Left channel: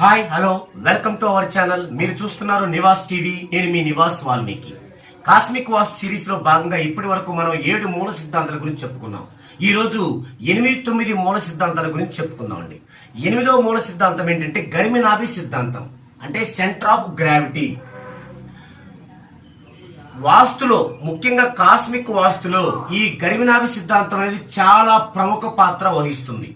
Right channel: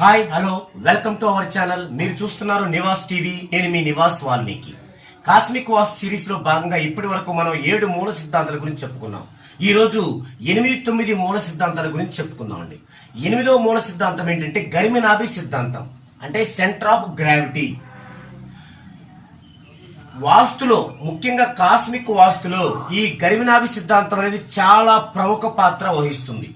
Hi hello welcome to our channel. మీరు చూస్తున్నారు Nivas TV. నేను మీ నివాస్ వాల్మీకి. కాస్మిక్ వాస్తు సిరీస్ లో భాగంగా ఇప్పటి వరకు మనం 7 మూల సిద్ధాంతాల గురించి చెప్పుకున్నాం. ఈ రోజు 8-9 మూల సిద్ధాంతాల గురించి చెప్పుకుందాం అండి. 8వ మూల సిద్ధాంతం ఏంటంటే గరిమినాభి సిద్ధాంతం, అంటే సెంటర్ ఆఫ్ గ్రావిటీ. వాస్తులో, ముఖ్యంగా కాస్మిక్ వాస్తులో ఈ గరిమినాభి సిద్ధాంతం అనేది చాలా ప్రముఖ పాత్ర వహిస్తుంది.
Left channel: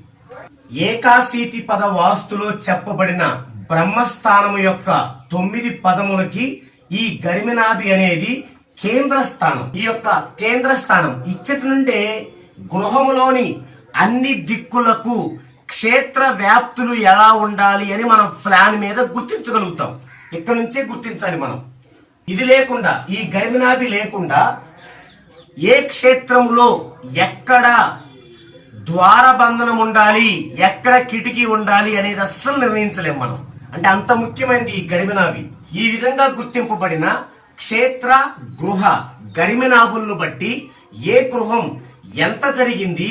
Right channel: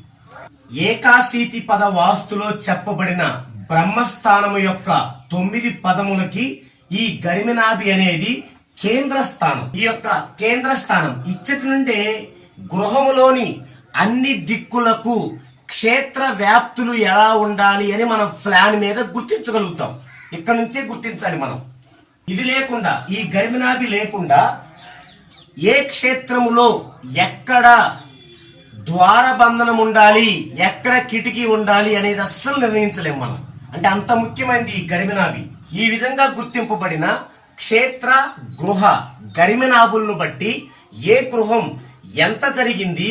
ఏకాశీతి పద వాస్తులో చెప్పబడిన బ్రహ్మస్థానము యొక్క 9 పదములకి ఈ గరిమినాభి అనేది కేంద్ర స్థానం. ఈ యొక్క కేంద్ర స్థానం ఇచ్చటి నుండే గృహములోని అన్ని దిక్కులకు క్షేత్ర వ్యాప్తులు ఎలా ఉండాలి అని మనం ప్లాన్ మీద గుర్తించగలుగుతాం. ఇక్కడ నుంచే గుర్తించాలి మనం. ఇది లేకుండా, ఈ గరిమినాభి లేకుండా ఏ క్షేత్రములో ఎక్కడ ద్వారబంధనం ఉండాలి, ఎక్కడ కిటికీ ఉండాలి అనేది అస్సలు నిర్ణయించలేం మనం. అంటే అంత ముఖ్యమైనది ఈ గరిమినాభి. ఈ విధంగా గుర్తింపబడిన క్షేత్ర గృహ గరిమినాభులను బట్టి ఏ గృహం ఎంత జరిగింది,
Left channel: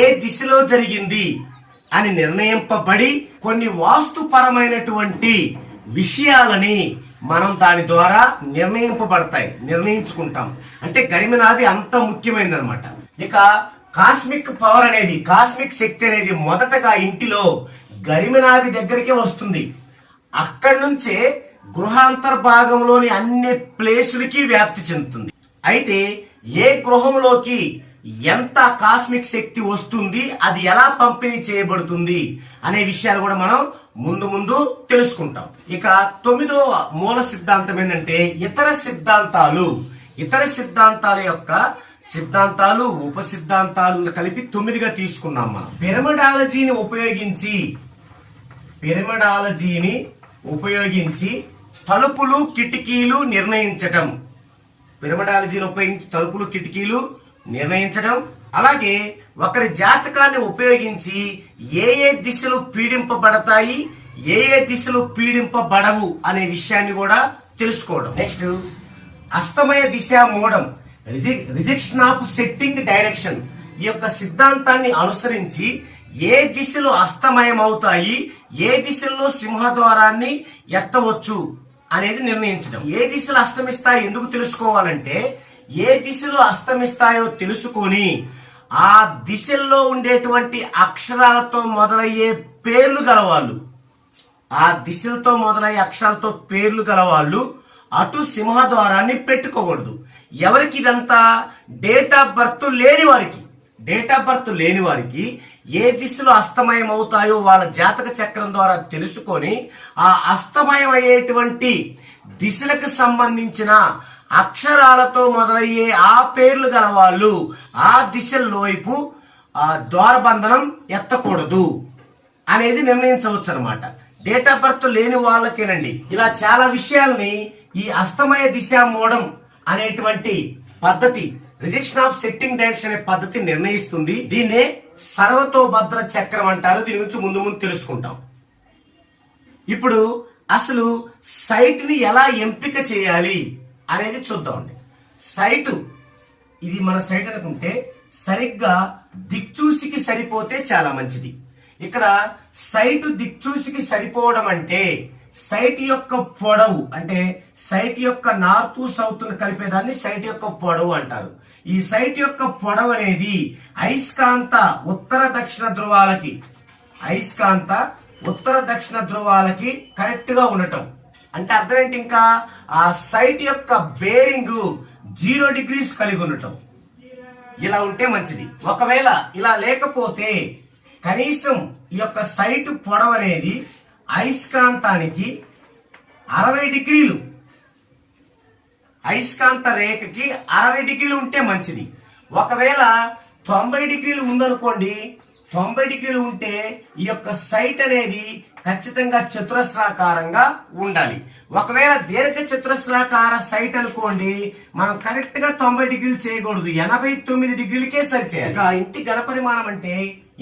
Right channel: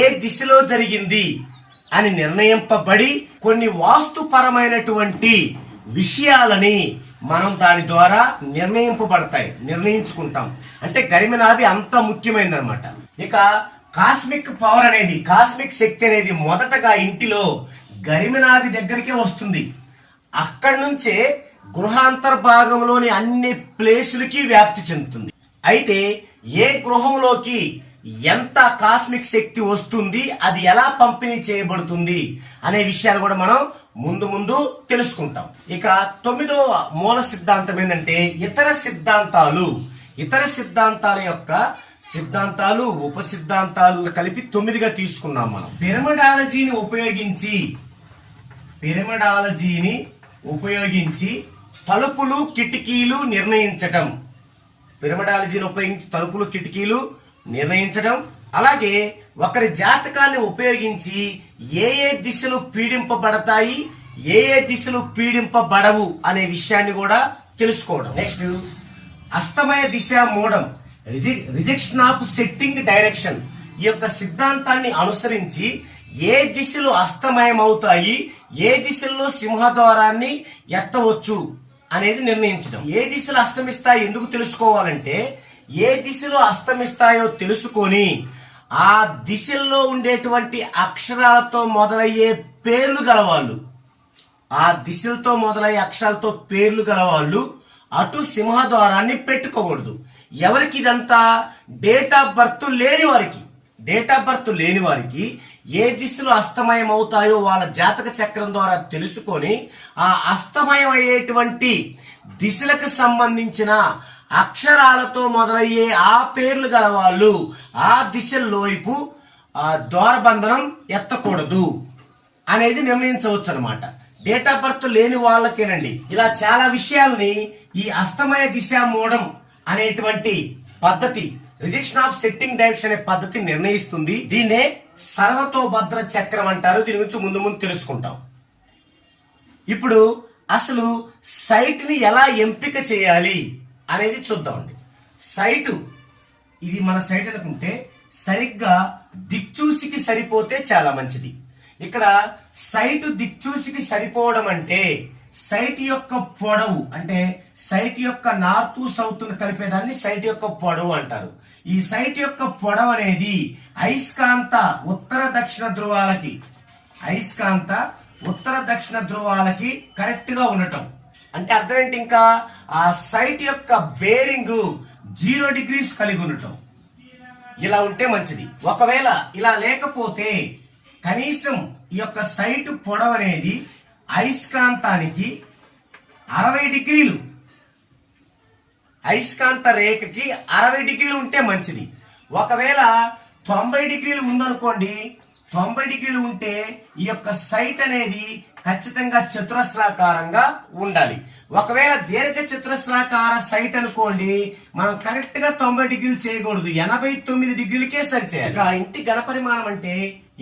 ఏ దిశలో జరిగింది అని నిర్ణయింపబడి కొన్ని వాస్తుపరమైనటువంటి విషయాలని మనం దాని ద్వారా నిర్ణయించుకుంటాం. అంటే గరిమినాభి అంత ముఖ్యమైనది అనమాట. ఇక కాస్మిక్ పవర్ అనేది, కాస్మిక్ శక్తి అనేది మొదటగా ఇంటిలో గరిమినాభి దగ్గరికే వస్తుంది. అక్కడి నుంచే గృహాంతర్భాగంలోని అన్ని ప్లేసులకి వ్యాప్తి చెందుతుంది. అయితే ఏ గృహంలోకి ఎంత కాస్మిక్ శక్తి వస్తుంది, అది ఎలా పంపిణీ చేయబడుతుంది అనే విషయాలు కూడా మనం ముందు తెలుసుకుంటాం. ఇక 9వ మూల సిద్ధాంతం ఏంటంటే ఇతర సిద్ధాంతాల యొక్క సిద్ధాంతాలు, ఉప సిద్ధాంతాలు కలిపి 9గా తీసుకున్నాం మనం. పిరమిడాలజీని ఉపయోగించి తలుపులు కిటికీలు నిర్ణయించటం. పిరమిడాలజీని ఉపయోగించి తలుపులు కిటికీలు నిర్ణయించడం. అలాగే ఒకరి జాతకాన్ని ఉపయోగించి ఏ దిశలు పీడింపబడతాయి, ఏ దిశలు పీడింపబడవు అనే విషయాన్ని కూడా తెలుసుకోవడం. నెక్స్ట్ అస్తమయ దిశ మూడం, రిజెక్షన్ ఆఫ్ సెట్టింగ్ డైరెక్షన్. ఈ యొక్క సిద్ధాంతాన్ని అనుసరించి ఏ దిశలు అస్తమయం అవుతాయి, ఏ దిశల్లో సింహద్వారాన్ని ఎత్తవచ్చు అనేది నిర్ణయించడం. ఏ దిశలు అస్తమిస్తాయి ఎందుకు తెలుసుకోవాలంటే, ఏ దిశలు అస్తమిస్తాయో తెలుసుకొని ఆ దిశల్లో ఉండేటువంటి అక్షరాలతో మొదలయ్యే పేర్లు గలవాళ్ళు, ఆ దిశలతో మొదలయ్యే అక్షరాలతో పేర్లు గలవాళ్ళు అటు సింహద్వారాన్ని పెట్టుకోకూడదు. ఎవరికి ఇదంతా? డేట్ ఆఫ్ బర్త్ లేని వారికి ఏ దిశలో అస్తమయం అవుతాయో వాళ్ళ జాతక చక్రం ద్వారా తెలుసుకొని ఆ అస్తమయం అయ్యేటువంటి దిశలకు సంబంధించిన అక్షరాలతో మొదలయ్యే ఆ పేర్లు గల వాళ్ళు ఆ దిశల్లో వైపు ద్వారబంధనం ఎత్తకూడదు అనేది నిర్ణయించవచ్చు అనమాట. డేట్ ఆఫ్ బర్త్ లేని వాళ్ళకేనండి ఇలా చాలా విషయాల్ని ఈ అస్తమయ దిశ మూడం అనేటువంటి పద్ధతి, రిజెక్షన్ ఆఫ్ సెట్టింగ్ డైరెక్షన్ అనే పద్ధతి నిర్ణయిస్తుంది. దీన్నే సర్వతోభద్ర చక్రం అంటారు. దీని గురించి ముందు తెలుసుకుంటాం. ఇప్పుడు అసలు సైట్ ని ఎలా ఎంపిక చేయాలి అనేది చూద్దామండి. సైటు, ఇది మన సైట్ అనుకుంటే సరిగ్గా దిక్చూసికి సరిపోతే చాలా మంచిది. ఇక్కడ సైటు దిక్చూసికి సరిపోవడం అంటే సైట్ యొక్క పొడవు, అంటే సైట్ యొక్క నార్త్ సౌత్ కలిపేదాన్ని సైట్ యొక్క పొడవు అంటారు. ఈ సైట్ యొక్క పొడవు అనేది అయస్కాంత ఉత్తర దక్షిణ ధ్రువాలకి కరెక్ట్ గా ఉండటం. అంటే అర్థం ఏంటి? ఇంకా ఆ సైట్ యొక్క బేరింగ్ 0 degrees కలిగి ఉండటం. ఇలా ఉంటే మంచిది. ఒకవేళ ఇలా లేకపోతే కనీసం ఈ యొక్క సైట్ పొడవు అనేది అయస్కాంతానికి 60 degrees, అయస్కాంత రేఖకి 60 degrees ఉంటే మంచిది. ఒకవేళ 90 degrees ఉందనుకోండి, 90 degrees ఉంటే ఈ యొక్క సైట్ అనేది ఖచ్చితంగా చతురస్రాకారంగా ఉండాలి. ఒకవేళ దీర్ఘ చతురస్రాకార సైట్ అనుకోండి, మనం కరెక్ట్ గా 90 degrees చేయకూడదు, 89 degreesకే సరిచేయాలి. ఇక ఇంటి ఘనపరిమాణం అంటే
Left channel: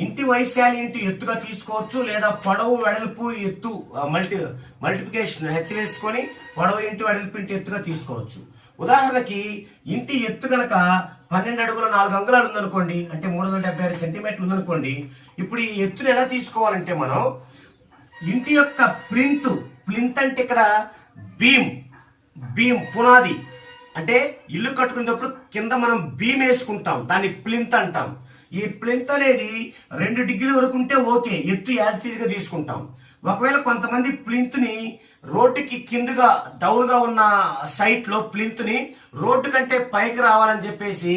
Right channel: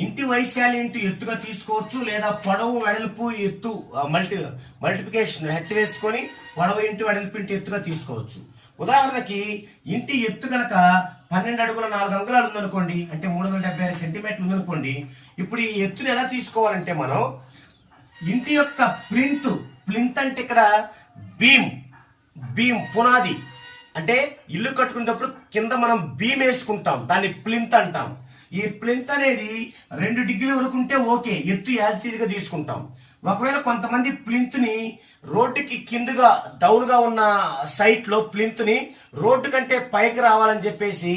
ఇంటి వైశాల్యం ఇంటి ఎత్తుగా తీసుకోవచ్చు, లేదా పొడవు వెడల్పు ఎత్తు మల్టిప్లికేషన్ హెచ్ వేసుకొని పొడవు ఇంటి వెడల్పు ఇంటి ఎత్తుగా తీసుకోవచ్చు. ఉదాహరణకి ఇంటి ఎత్తు గనక 12 అడుగుల 4 అంగుళాలు ఉందనుకోండి, అంటే 376 సెంటీమీటర్లు ఉందనుకోండి. ఇప్పుడు ఈ ఎత్తును ఎలా తీసుకోవాలంటే మనం ఇంటి యొక్క ప్లింత్ అంటే ఇక్కడ బీమ్ పునాది. అంటే ఇల్లు కట్టుకునేటప్పుడు కింద మనం బీమ్ వేసుకుంటాం, దాన్ని ప్లింత్ అంటాం. ఈ ప్లింత్ అనేది 2 డిగ్రీల వరకు ఉంటే ఓకే, ఎత్తు యాజిటీజ్ గా తీసుకుంటాం. ఒకవేళ కొంతమంది ప్లింత్ ని రోడ్డుకి కిందగా డౌన్ గా ఉన్న సైట్ లో ప్లింత్ ని రోడ్డు కంటే పైకి రావాలని చెప్పేసి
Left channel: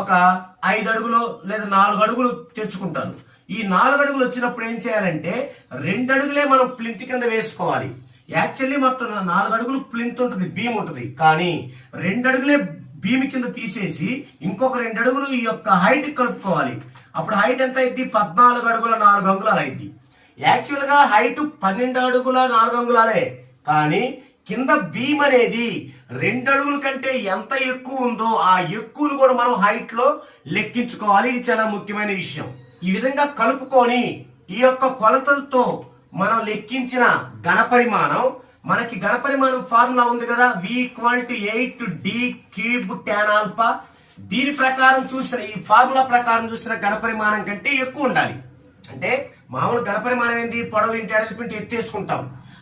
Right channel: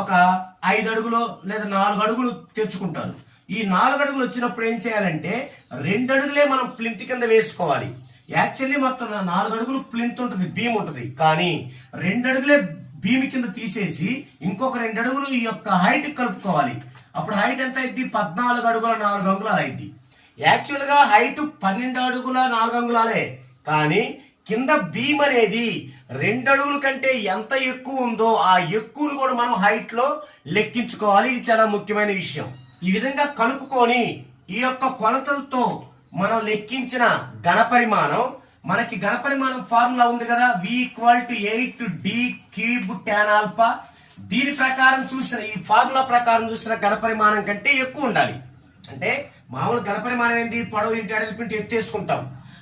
ఒక 5 అడుగులు లేదా 4 అడుగులు తెచ్చుకుంటారు. ఈ 4 అడుగులు వచ్చినప్పుడు ఏం చేయాలంటే 2 అడుగులే మనం ప్లింత్ కింద వేసుకోవాలి. యాక్చువల్లీ మొత్తం 4 అడుగులు ప్లింత్ ఉంటుంది, బీమ్ ఉంటుంది. కానీ 2 అడుగులే బీమ్ కింద తీసేసి ఇంకొక 2 అడుగులు ఈ యొక్క హైట్ కలుపుకోవాలి. అప్పుడు హైట్ ఎంత అయింది? 14 అడుగుల 4 అంగుళాలు అయింది. యాక్చువల్ గా హైట్ 12 అడుగుల 4 అంగుళాలే, కానీ కింద బీమ్ అనేది 2 అడుగుల కంటే ఎంత ఎక్కువ ఉందో ఆ ఎక్కువను కూడా మనం హైట్ లో లెక్కించుకోవాలి. ఇది చాలా ముఖ్యమైన విషయం. ఈ విధంగా కలుపుకొని ఈ యొక్క కొలతలతో మనం లెక్కించిన ఘనపరిమాణం, మనకి ఘనపరిమాణం ఫార్ములా ఉంది కదా, V=8D³ tan ఆల్ఫా. దీని ప్రకారం చూసిన, ఈ ఫార్ములా ప్రకారం చూసిన ఘనపరిమాణం కంటే ఎక్కువ ఉండాలి. అంటే మామూలు ఘనపరిమాణం ఏంటి? పొడవు ఇంటి అడలిపింటి ఎత్తు వేసుకుంటాం.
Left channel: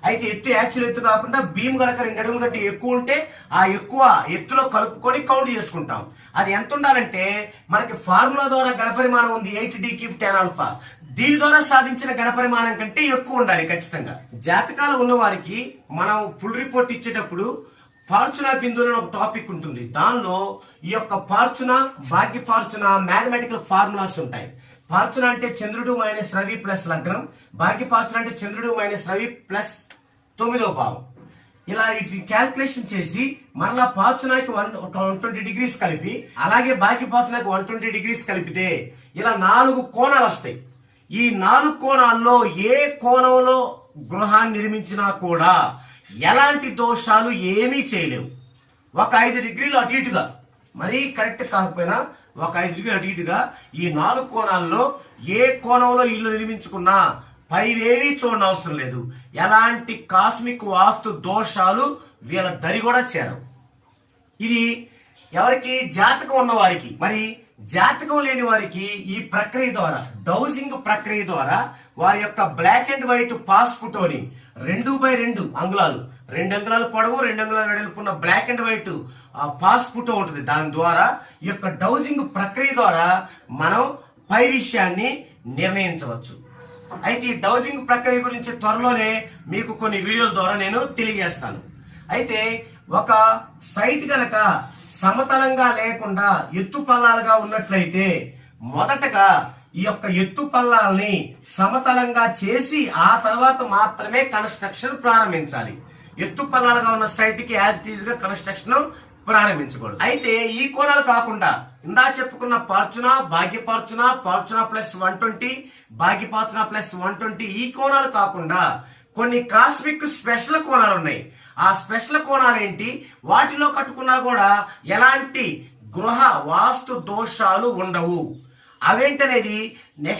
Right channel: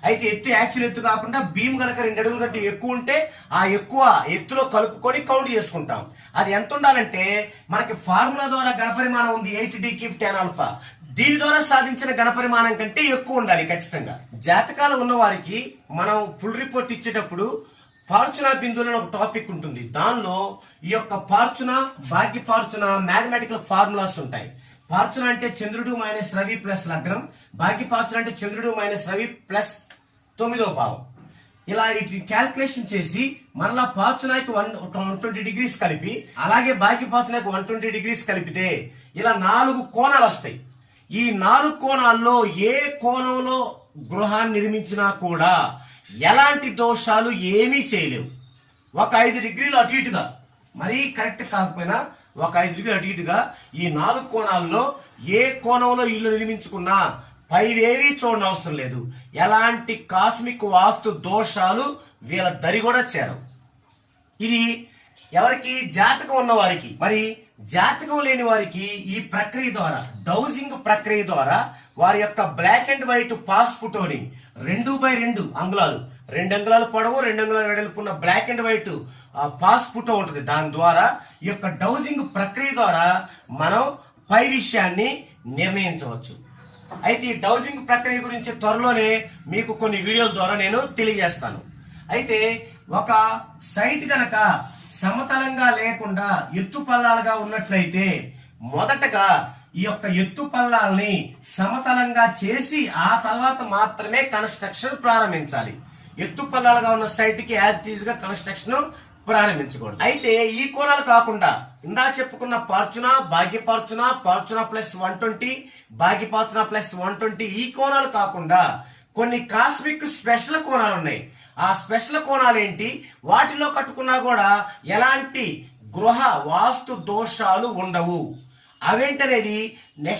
అయితే ఎత్తు యాక్చువల్ ఎత్తు కాకుండా బీమ్ కనుక 2 అడుగుల కంటే ఎక్కువ ఉంటే ఆ ఎక్కువ ఎత్తులో కలుపుకొని కౌంట్ చేసుకుంటాం. అది ఎంత ఉండాలంటే మనకి ఫార్ములా ద్వారా ఘనపరిమాణం ఉంది 8D³ tan ఆల్ఫా. దీని ద్వారా సాధించిన ఘనపరిమాణం కంటే ఎక్కువ ఉండాలి ఖచ్చితంగా. జాతకాలు ఉన్న వారికి మనం ఫుల్ రిపోర్ట్ ఇచ్చేటప్పుడు ఫార్చునా బిందువులు ఒక టాపిక్ ఉంటుంది. దానిలో ఈ యొక్క ఫార్చునా, భాగ్య ఫార్చునా మ్యాథమెటికల్ ఫార్ములాస్ ఉంటాయి. ఫార్చునా అంటే చంద్రుడు మైనస్ రవి ప్లస్ లగ్నం, భాగ్య ఫార్చునా అంటే చంద్రుడు మైనస్ రవి ప్లస్ 9వ భావం. ఇలా వీటిని క్యాల్కులేషన్ చేసి మరలా ఫార్చునాకి 120 డిగ్రీస్ కలిపి, అలాగే భాగ్య ఫార్చునాకి 120 డిగ్రీస్ కలిపితే ఇలా 4 కోణాలు వస్తాయి. ఈ 4 కోణాల్లో ఏ కోణంలో గృహాన్ని నిర్మించినా కూడా ఎలాంటి దోషాలు ఏమీ చేయలేవు. ఒక 5 డిగ్రీలు అటు ఇటుగా, మరీ కరెక్ట్ కాకపోయినా ఒక 5 డిగ్రీలు అటు ఇటుగా ఈ 4 కోణాల్లో ఏ కోణంలో ఇల్లు నిర్మించుకున్నా పైవేవీ చూడనవసరం అవసరం లేదు. ఎలాంటి కాస్మిక్ వాస్తు దోషాలు వీళ్ళ దరి కూడా చేరవు. ఇది ఎవరికి? జాతకం ఉన్న వారికి. మరి జాతకం లేని వారికి ఈ ప్రక్రియ ద్వారా, డౌజింగ్ ప్రక్రియ ద్వారా వారి యొక్క బ్లాక్ అండ్ వైట్ పాస్ ఫోటోని 2x2 అంగుళాలు, 2 అంగుళాలు పొడవు 2 అంగుళాలు వెడల్పు ఉన్న black and white pass photo ఉంటుంది. దాని ద్వారా ఈ యొక్క డౌజింగ్ ప్రక్రియ ద్వారా మనం పై విషయాన్ని నిర్ణయించవచ్చు. అయితే ఈ డౌజింగ్ ప్రక్రియ గురించి త్వరలోనే మీకు కొన్ని వీడియోల ద్వారా నేను తెలియజేస్తాను. అయితే ఒక సైట్ గనక సమతలంగా లేకుండా ఎత్తు పల్లాలుగా ఉన్నట్లయితే మొదటగా ఈ యొక్క ఎత్తు పల్లాలని సమతలంగా చేసి ఆ తర్వాత మాత్రమే కన్స్ట్రక్షన్ ప్రారంభించాలి. ఎత్తు పల్లాలుగా ఉన్న సైట్ కి యాజ్ ఇట్ ఈజ్ గా కన్స్ట్రక్షన్ ప్రారంభించకూడదు. అయితే ఈ కోణాలు కాకుండా ఇందా చెప్పుకున్న ఫార్చునా, భాగ్య ఫార్చునా, ఫార్చునా ప్లస్ 120, భాగ్య ఫార్చునా ప్లస్ 120 ఈ కోణాలు కాకుండా కొన్ని కాస్మిక్ స్పెషల్ కోణాలు ఉన్నాయి. ఆ స్పెషల్ కోణాలు ఏంటి? వాటిలో కట్టుకున్నా కూడా ఎలాంటి గృహ వాస్తు దోషాలు ఉండవు. అవేంటనేది నెక్స్ట్